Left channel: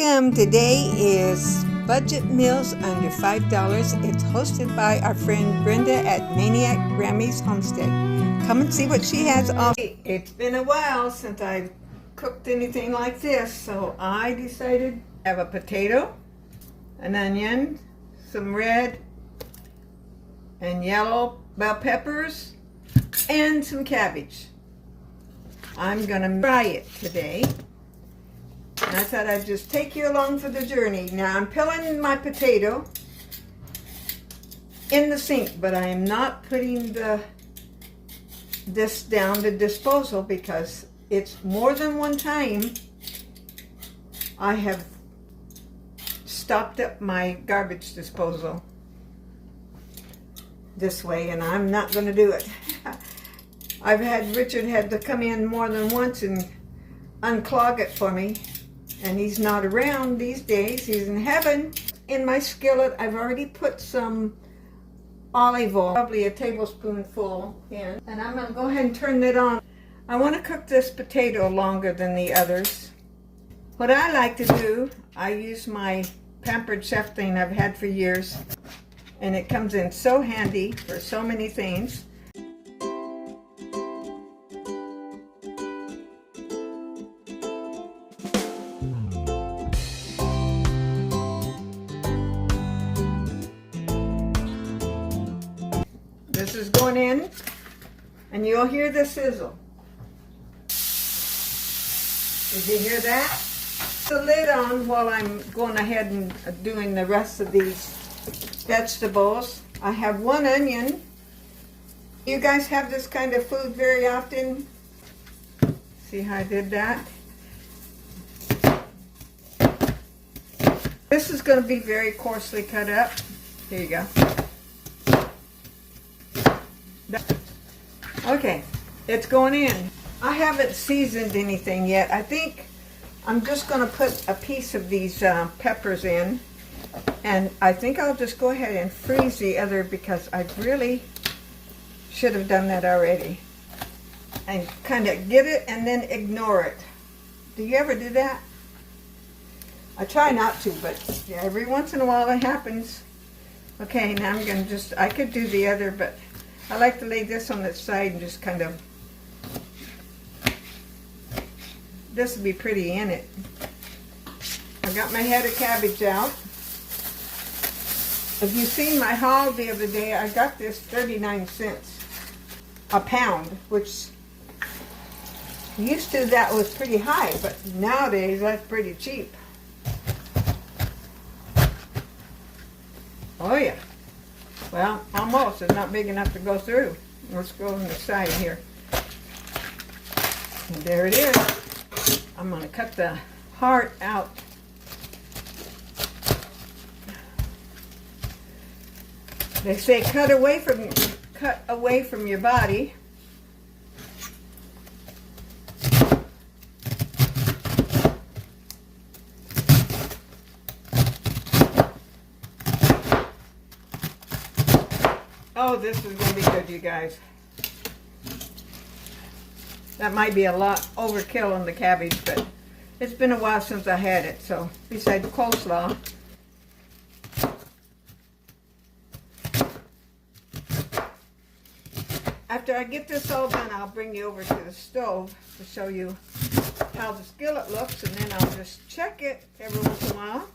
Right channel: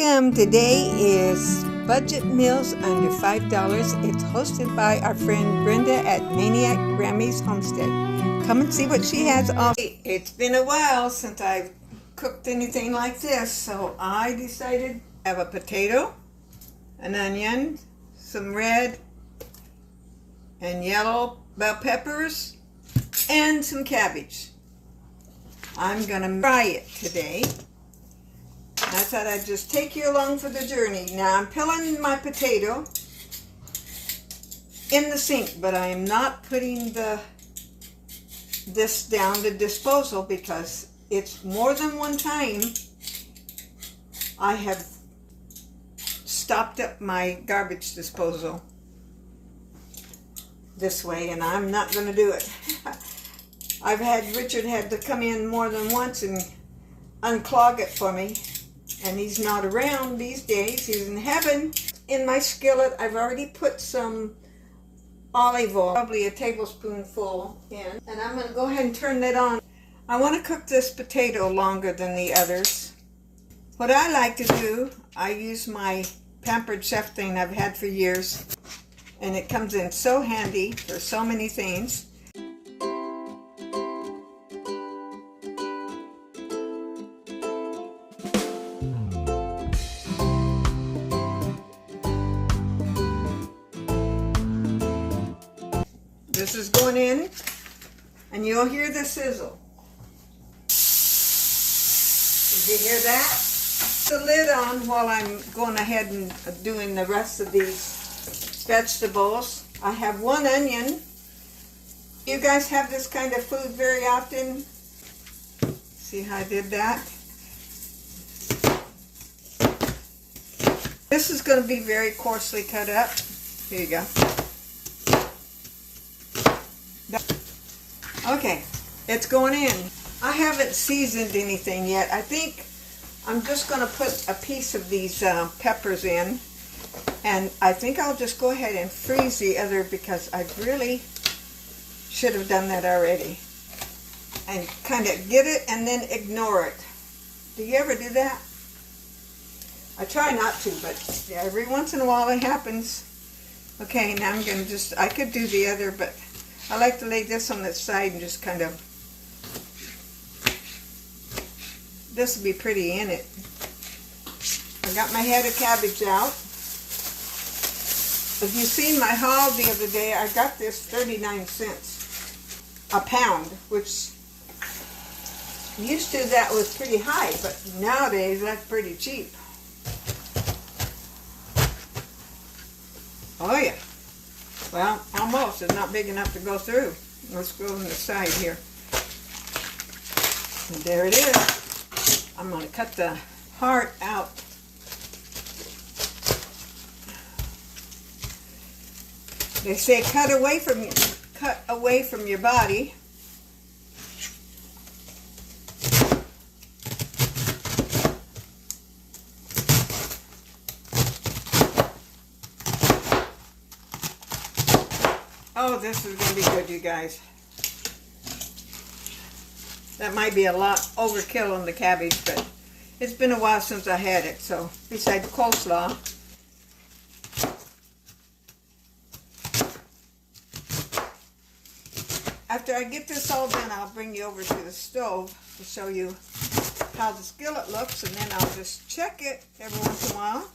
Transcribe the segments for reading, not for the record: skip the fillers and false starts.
Welcome. Today is Budget Meals Under $5. It's hosted by our friend Brenda at Maniac Grammy's Homestead. Come and see what she has off. It's been a while since I've cooked anything like this, so I decided to have a potato, an onion, some red and yellow bell peppers, and some cabbage. I'm gonna fry it today. And I thought I'd just take you along for the journey. Now I'm peeling my potato in the sink, but I am not putting this down the disposal because it's more than one time I have stopped up my garbage disposal this way, and I'm not going to do it. Richard had to come in more than once and unclog it for me. And he's not around these days. He's in heaven. In my skillet, I've already put some olive oil, probably a tablespoonful in. And I'm going to go ahead and turn that on. I want to cook this potato longer than the others. What I like to do, I use my Pampered Chef thing I've had for years. And it comes in so handy for so many things. This is going in, and you'll hear the sizzle. Did you hear that? The lid on while I'm going ahead and doing the rest of these vegetables. I have one onion. You guys have this kind of food very often? See how I did that? This is going to be very coarsely cut up. Here you go. Okay, it's going in. I haven't seasoned anything yet. I think I'm just going to put a piece of these peppers in, and I think I'll just go ahead and freeze the other because I really should have done that already. And kind of get it and then ignore it. Do you ever do that? I try not to, but every once in a while it happens. Okay, now I'm going to I could do the other, but I like to lay this on the side and just kind of, this would be pretty in it. I got my head of cabbage out. If you've seen my haul the other day, I got this 39 cents a pound, which used to that was pretty high, but nowadays that's pretty cheap. Oh yeah. Well, almost. It's not big enough to go through. Let's go on the side here. And there it is. I'm going to cut the heart out. They say cut away from your body. Oh, this is going to be good, you guys. That might be a lot overkill on the cabbage, but it's been a while since I had it, so besides coleslaw. After I get this all done, I'll bring you over to the stove to show you how the skillet looks, and then I'll just check it every once in a while.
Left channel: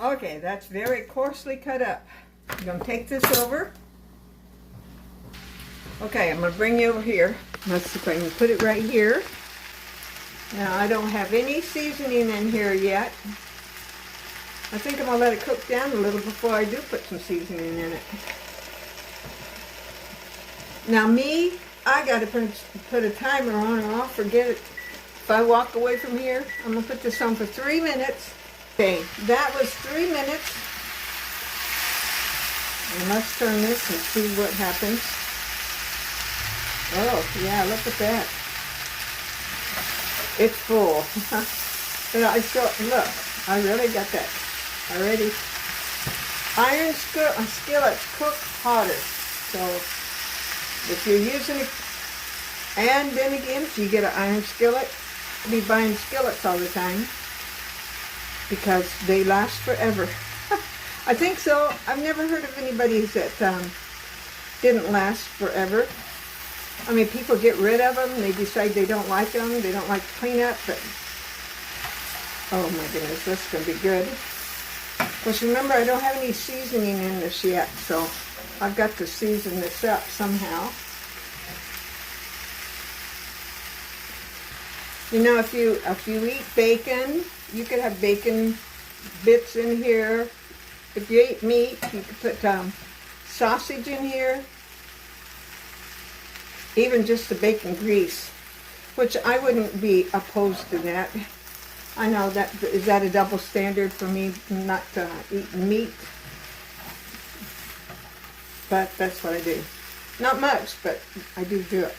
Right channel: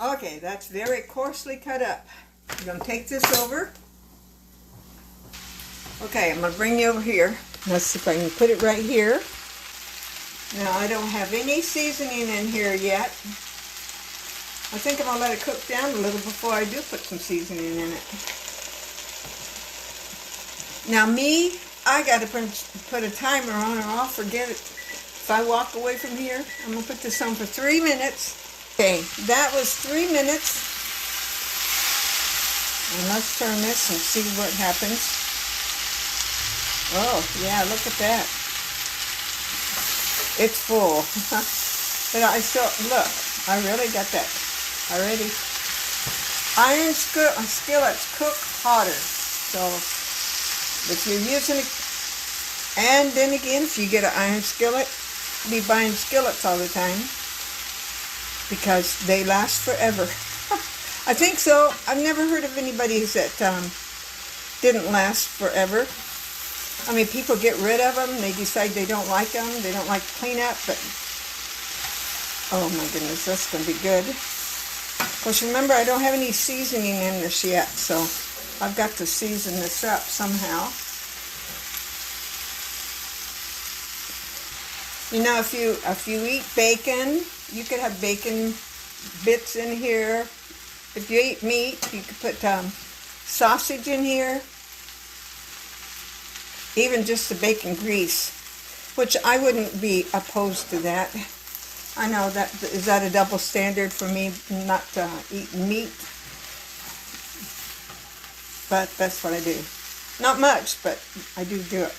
Okay, that's very coarsely cut up. I'm going to take this over. Okay, I'm going to bring you over here. Let's see if I can put it right here. Now, I don't have any seasoning in here yet. I think I'm going to let it cook down a little before I do put some seasoning in it. Now, I got to put a timer on or I'll forget it. If I walk away from here, I'm going to put this on for 3 minutes. Okay, that was 3 minutes. And let's turn this and see what happens. Oh, yeah, look at that. It's full. But I still, look, I really got that already. Iron skillets cook hotter. So if you're using And then again, if you get an iron skillet, you'll be buying skillets all the time because they last forever. I think so. I've never heard of anybody that didn't last forever. I mean, people get rid of them. They decide they don't like them. They don't like the cleanup. But oh my goodness, that's going to be good. Of course, remember, I don't have any seasoning in this yet, so I've got to season this up somehow. You know, if you eat bacon, you could have bacon bits in here. If you eat meat, you could put sausage in here. Even just the bacon grease, which I wouldn't be opposed to that. I know that, is that a double standard for me not eating meat? But that's what I do. Not much, but I do it.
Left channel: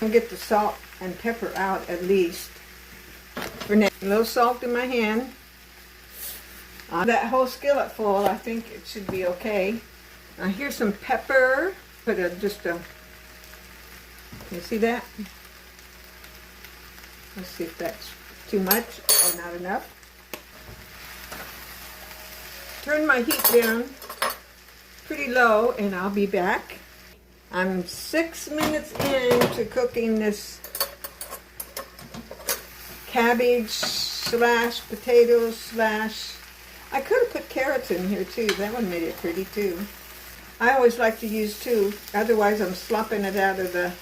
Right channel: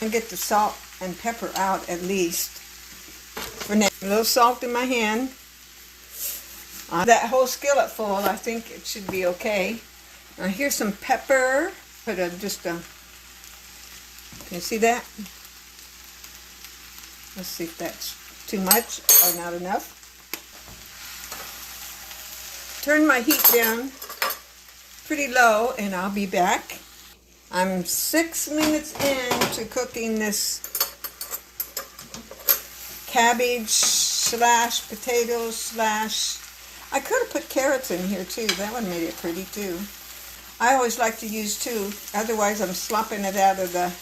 And get the salt and pepper out at least. For now, a little salt in my hand. That whole skillet full, I think it should be okay. Now here's some pepper. Put can you see that? Let's see if that's too much or not enough. Turn my heat down pretty low and I'll be back. I'm 6 minutes into cooking this cabbage / potatoes / I could have put carrots in here too. That would have made it pretty too. I always like to use 2, otherwise I'm slopping it out of the...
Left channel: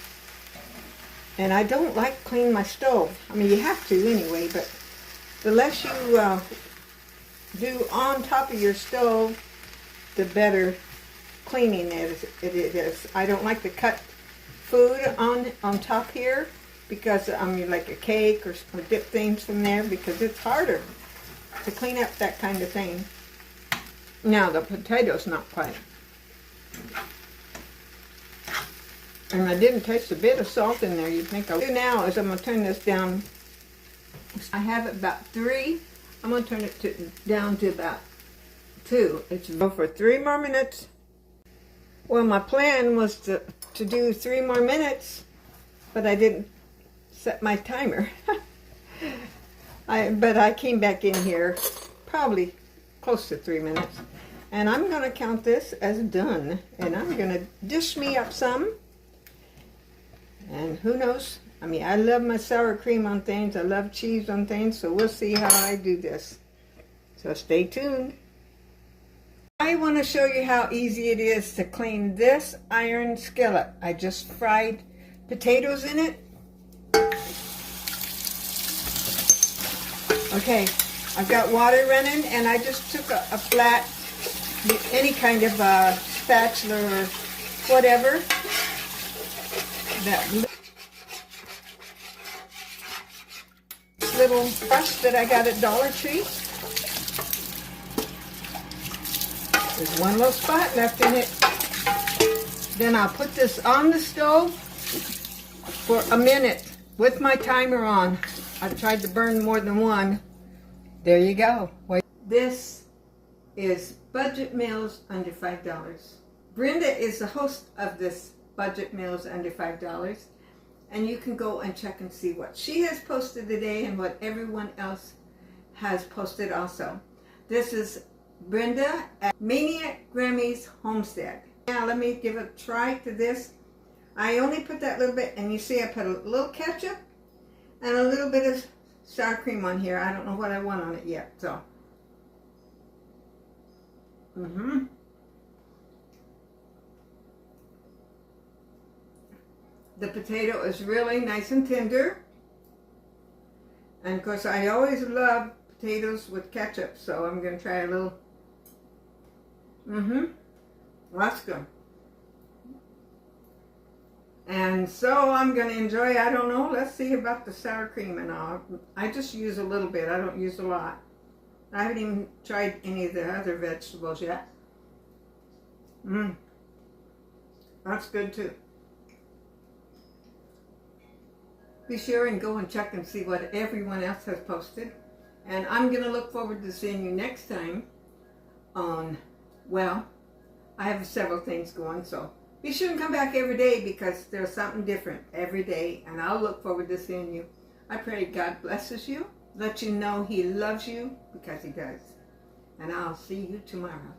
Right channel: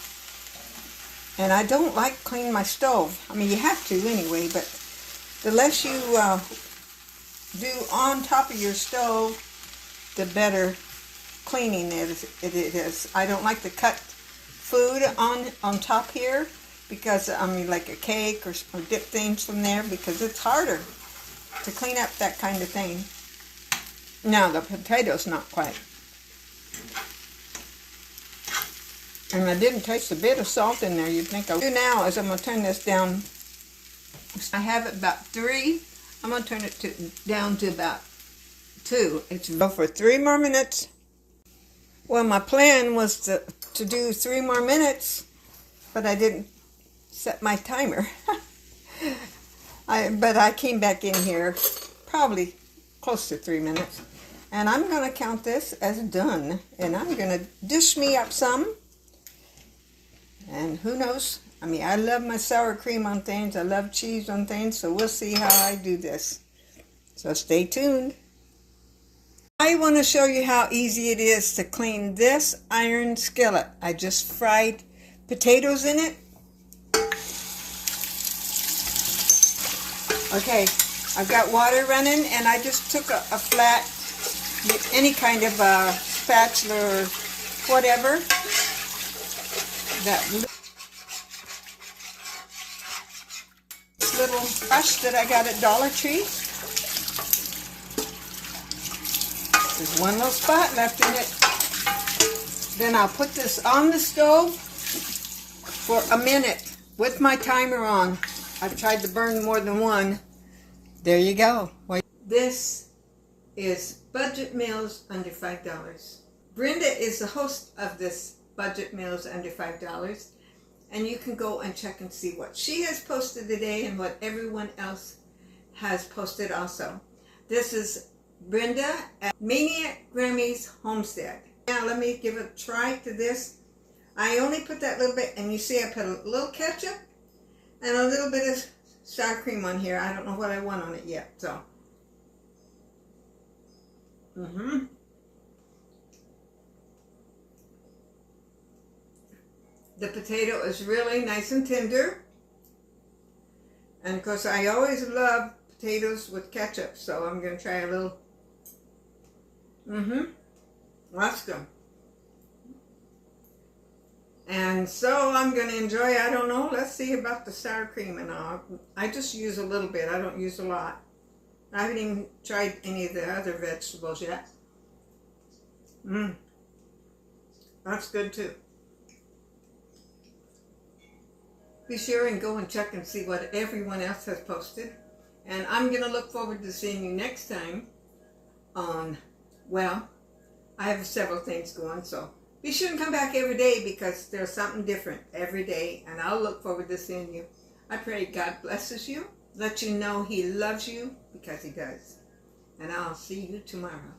And I don't like clean my stove. I mean, you have to anyway, but the less you do on top of your stove, the better cleaning it is. I don't like to cut food on top here because, I mean, like a cake or dip things from there, because it's harder to clean up that kind of thing. Now, the potatoes, not quite. And I didn't taste a bit of salt in there. You'd think I would. What I do now is I'm going to turn this down. I have it about 3. I'm going to turn it down to about 2. It's go for 3 more minutes. Well, my plan was to do 3 more minutes, but I didn't set my timer. But I came back in here probably close to 3 minutes. And I'm going to count this as done. And I'm going to dish me up some. And who knows? I mean, I love my sour cream on things. I love cheese on things. So we'll see how I do this. So stay tuned. I want to show you how easy it is to clean this iron skillet. I just fried potatoes in it. Okay, I've got water running, and I just took a flat, any kind of spatula or whatever. That little brush that I got at Dollar Tree. There's one little spot left in it. Then I'll put this on the stove for a minute with my timer on. I've tried to burn more than one. There you go. This is Budget Meals Under $5. Brenda is the host of this Budget Meals Under $5. And you can go and check and see what she has posted today and what everyone else has posted also. This is Brenda at Maniac Grammy's Homestead. Now let me give a try to this. I only put that little bit, and you see I put a little ketchup and a little bit of sour cream on here. I don't know what I want on it yet, so. The potato is really nice and tender. And of course, I always love potatoes with ketchup, so I'm going to try a little. That's good. And so I'm going to enjoy, I don't know, let's see about the sour cream and all. I just use a little bit. I don't use a lot. I haven't even tried any of the other vegetables yet. That's good too. Be sure and go and check and see what everyone else has posted. And I'm going to look forward to seeing you next time on, well, I have several things going, so Be sure and come back every day because there's something different every day, and I'll look forward to seeing you. I pray God blesses you, let you know He loves you because He does. And I'll see you tomorrow.